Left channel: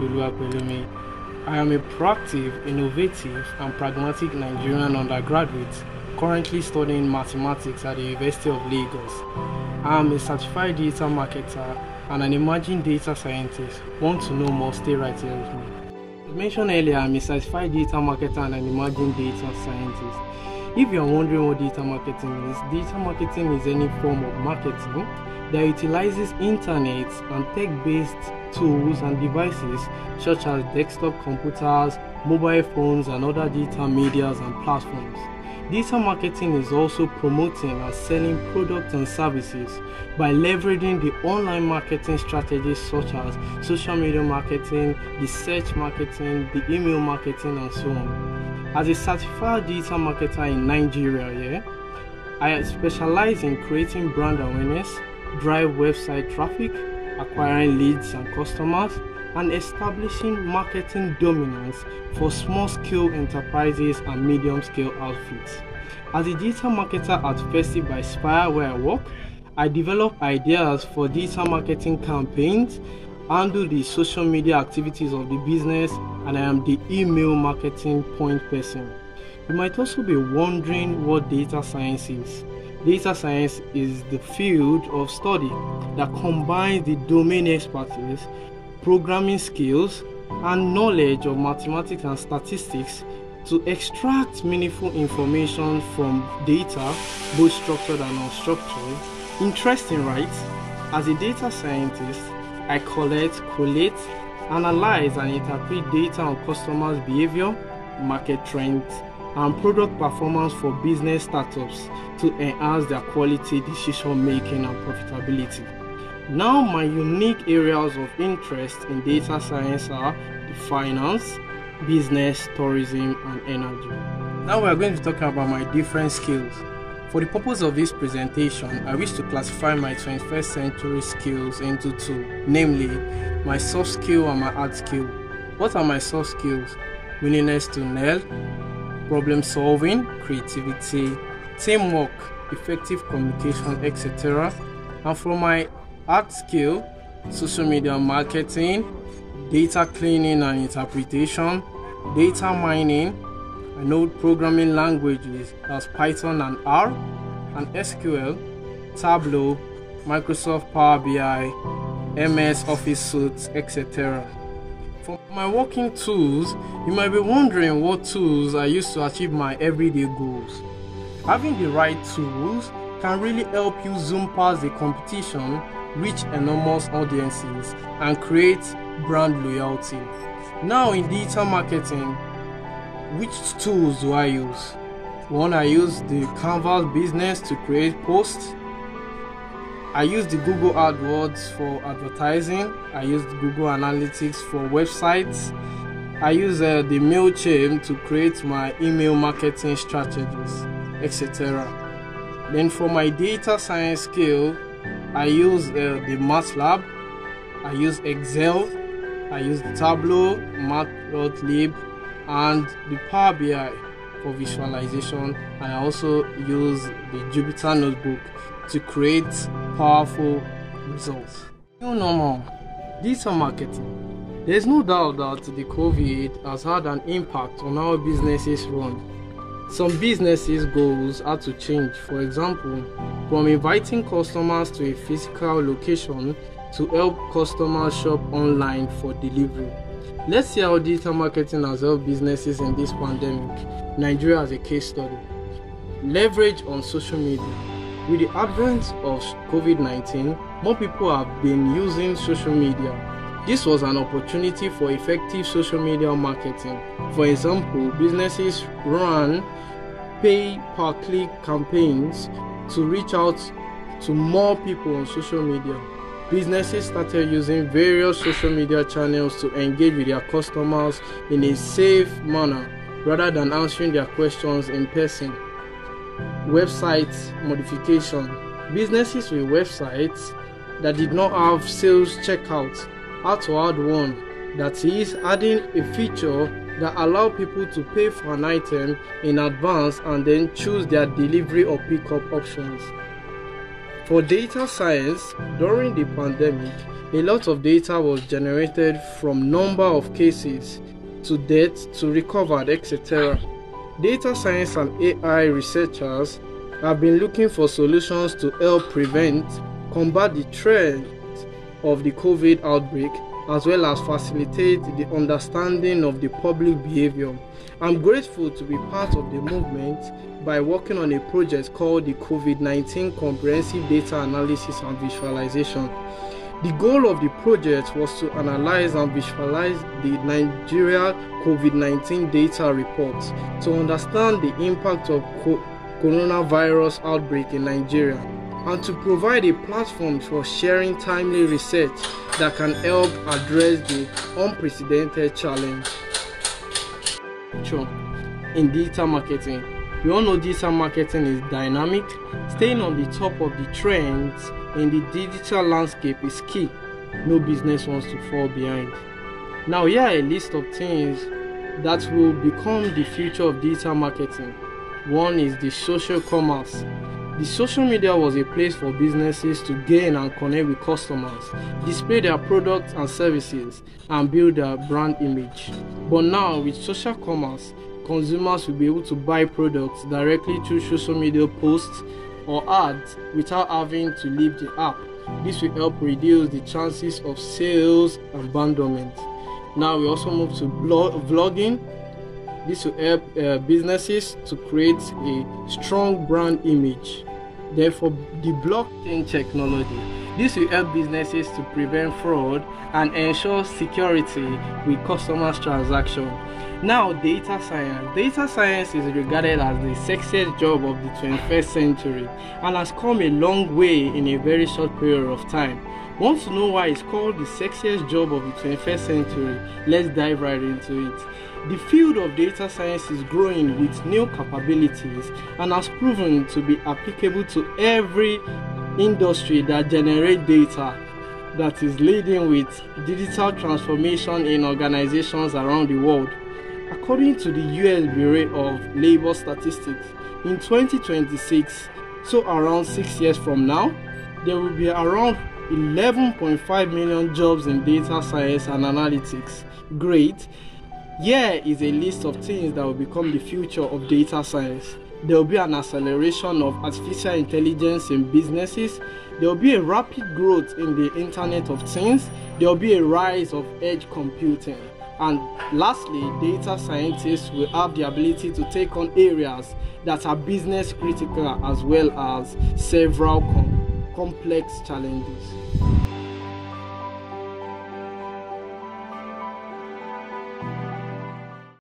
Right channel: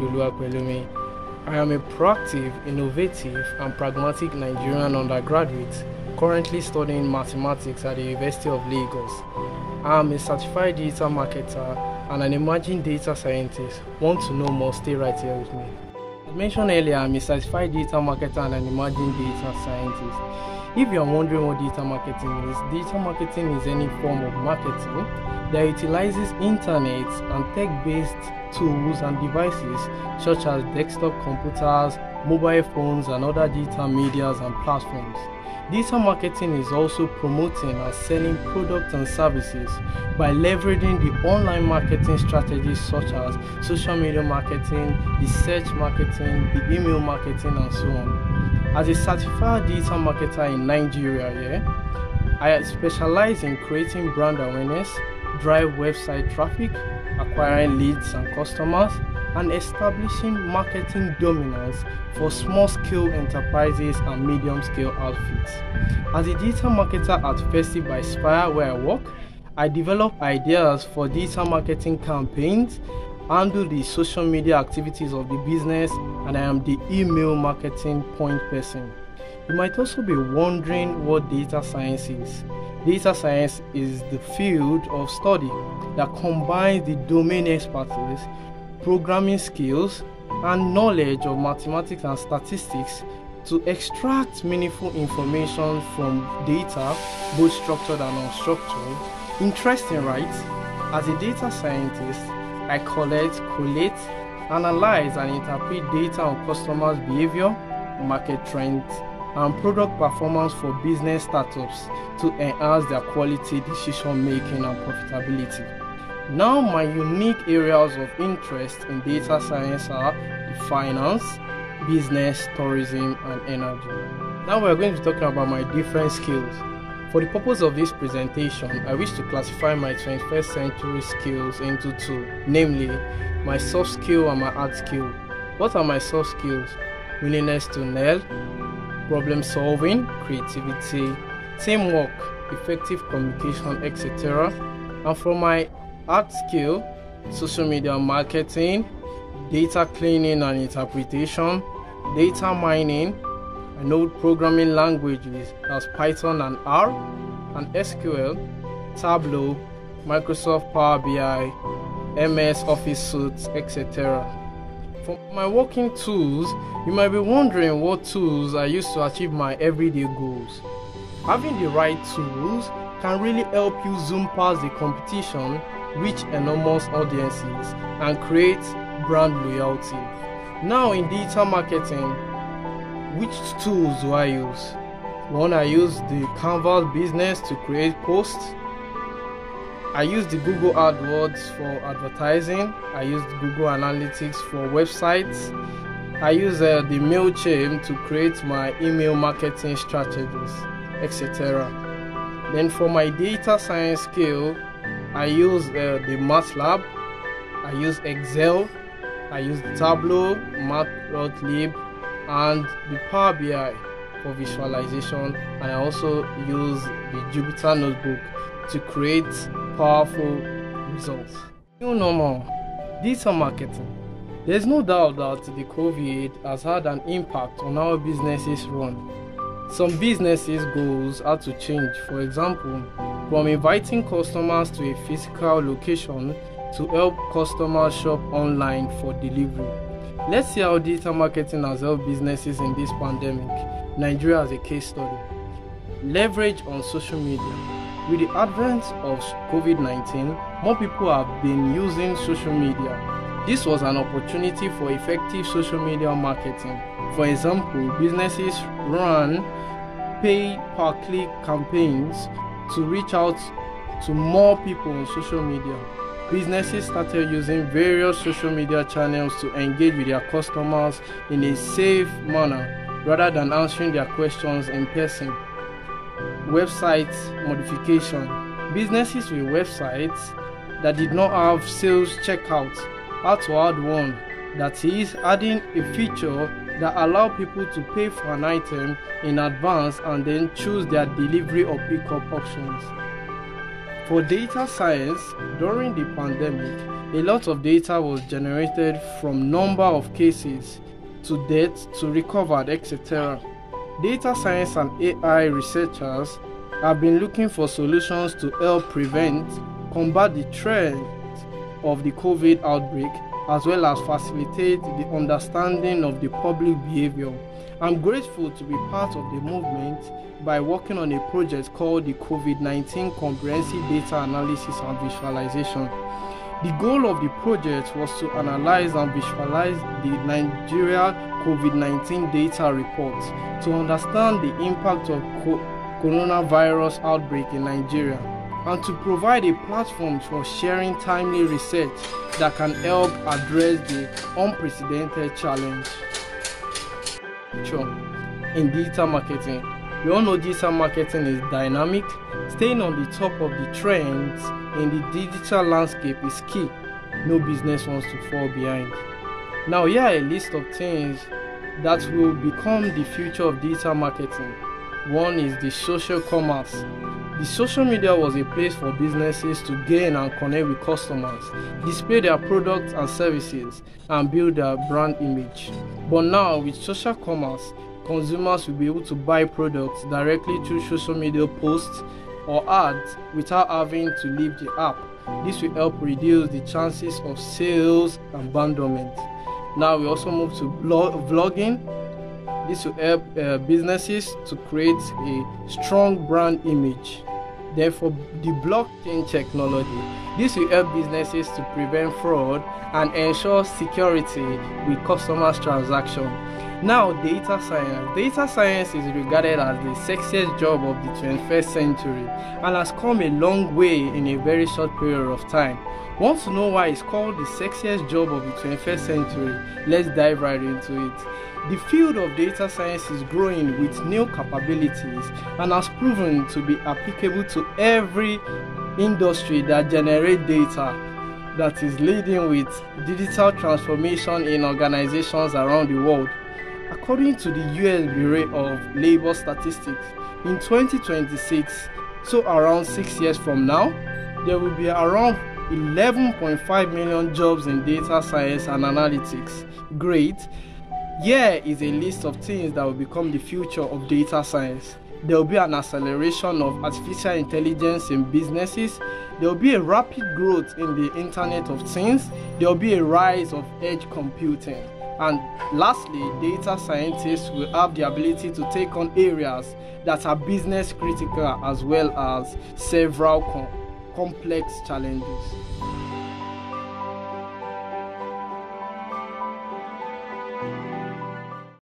Oluwapelumi. I am a proactive, innovative, and pragmatic Nigerian undergraduate currently studying mathematics at the University of Lagos. I am a certified digital marketer and an emerging data scientist. Want to know more? Stay right here with me. As mentioned earlier, I am a certified digital marketer and an emerging data scientist. If you are wondering what digital marketing is any form of marketing that utilizes internet and tech-based tools and devices such as desktop computers, mobile phones, and other digital medias and platforms. Digital marketing is also promoting and selling products and services by leveraging the online marketing strategies such as social media marketing, the search marketing, the email marketing, and so on. As a certified digital marketer in Nigeria, I specialize in creating brand awareness, drive website traffic, acquiring leads and customers, and establishing marketing dominance for small-scale enterprises and medium-scale outfits. As a digital marketer at Festive by Spire, where I work, I develop ideas for digital marketing campaigns, handle the social media activities of the business, and I am the email marketing point person. You might also be wondering what data science is. Data science is the field of study that combines the domain expertise, programming skills, and knowledge of mathematics and statistics to extract meaningful information from data, both structured and unstructured. Interesting, right? As a data scientist, I collect, collate, analyze, and interpret data on customers' behavior, market trends, and product performance for business startups to enhance their quality, decision making, and profitability. Now, my unique areas of interest in data science are the finance, business, tourism, and energy. Now, we are going to talk about my different skills. For the purpose of this presentation, I wish to classify my 21st century skills into two, namely my soft skill and my hard skill. What are my soft skills? Willingness to nail, problem solving, creativity, teamwork, effective communication, etc. And for my hard skill, social media marketing, data cleaning and interpretation, data mining. I know programming languages as Python and R, and SQL, Tableau, Microsoft Power BI, MS Office Suite, etc. For my working tools, you might be wondering what tools I use to achieve my everyday goals. Having the right tools can really help you zoom past the competition, reach enormous audiences, and create brand loyalty. Now in digital marketing, which tools do I use? One, I use the Canvas business to create posts. I use the Google AdWords for advertising. I use Google Analytics for websites. I use the MailChimp to create my email marketing strategies, etc. Then for my data science skill, I use the MATLAB. I use Excel. I use Tableau, Matplotlib, and the Power BI for visualization, and I also use the Jupyter Notebook to create powerful results. New normal, digital marketing. There's no doubt that the COVID has had an impact on how businesses run. Some businesses' goals had to change, for example, from inviting customers to a physical location to help customers shop online for delivery. Let's see how digital marketing has helped businesses in this pandemic. Nigeria as a case study. Leverage on social media. With the advent of COVID-19, more people have been using social media. This was an opportunity for effective social media marketing. For example, businesses ran pay-per-click campaigns to reach out to more people on social media. Businesses started using various social media channels to engage with their customers in a safe manner rather than answering their questions in person. Website modification. Businesses with websites that did not have sales checkout had to add one, that is, adding a feature that allows people to pay for an item in advance and then choose their delivery or pickup options. For data science, during the pandemic, a lot of data was generated from number of cases to deaths to recovered, etc. Data science and AI researchers have been looking for solutions to help prevent, combat the trend of the COVID outbreak, as well as facilitate the understanding of the public behavior. I'm grateful to be part of the movement by working on a project called the COVID-19 Comprehensive Data Analysis and Visualization. The goal of the project was to analyze and visualize the Nigeria COVID-19 data reports to understand the impact of coronavirus outbreak in Nigeria, and to provide a platform for sharing timely research that can help address the unprecedented challenge. In digital marketing, we all know digital marketing is dynamic. Staying on the top of the trends in the digital landscape is key. No business wants to fall behind. Now, here are a list of things that will become the future of digital marketing. One is the social commerce. The social media was a place for businesses to gain and connect with customers, display their products and services, and build their brand image. But now, with social commerce, consumers will be able to buy products directly through social media posts or ads without having to leave the app. This will help reduce the chances of sales abandonment. Now we also move to vlogging. This will help businesses to create a strong brand image. Therefore, the blockchain technology. This will help businesses to prevent fraud and ensure security with customers' transactions. Now, data science. Data science is regarded as the sexiest job of the 21st century and has come a long way in a very short period of time. Want to know why it's called the sexiest job of the 21st century? Let's dive right into it. The field of data science is growing with new capabilities and has proven to be applicable to every industry that generates data, that is leading with digital transformation in organizations around the world. According to the US Bureau of Labor Statistics, in 2026, so around 6 years from now, there will be around 11.5 million jobs in data science and analytics. Great. Here is a list of things that will become the future of data science. There will be an acceleration of artificial intelligence in businesses. There will be a rapid growth in the Internet of Things. There will be a rise of edge computing. And lastly, data scientists will have the ability to take on areas that are business critical as well as several complex challenges.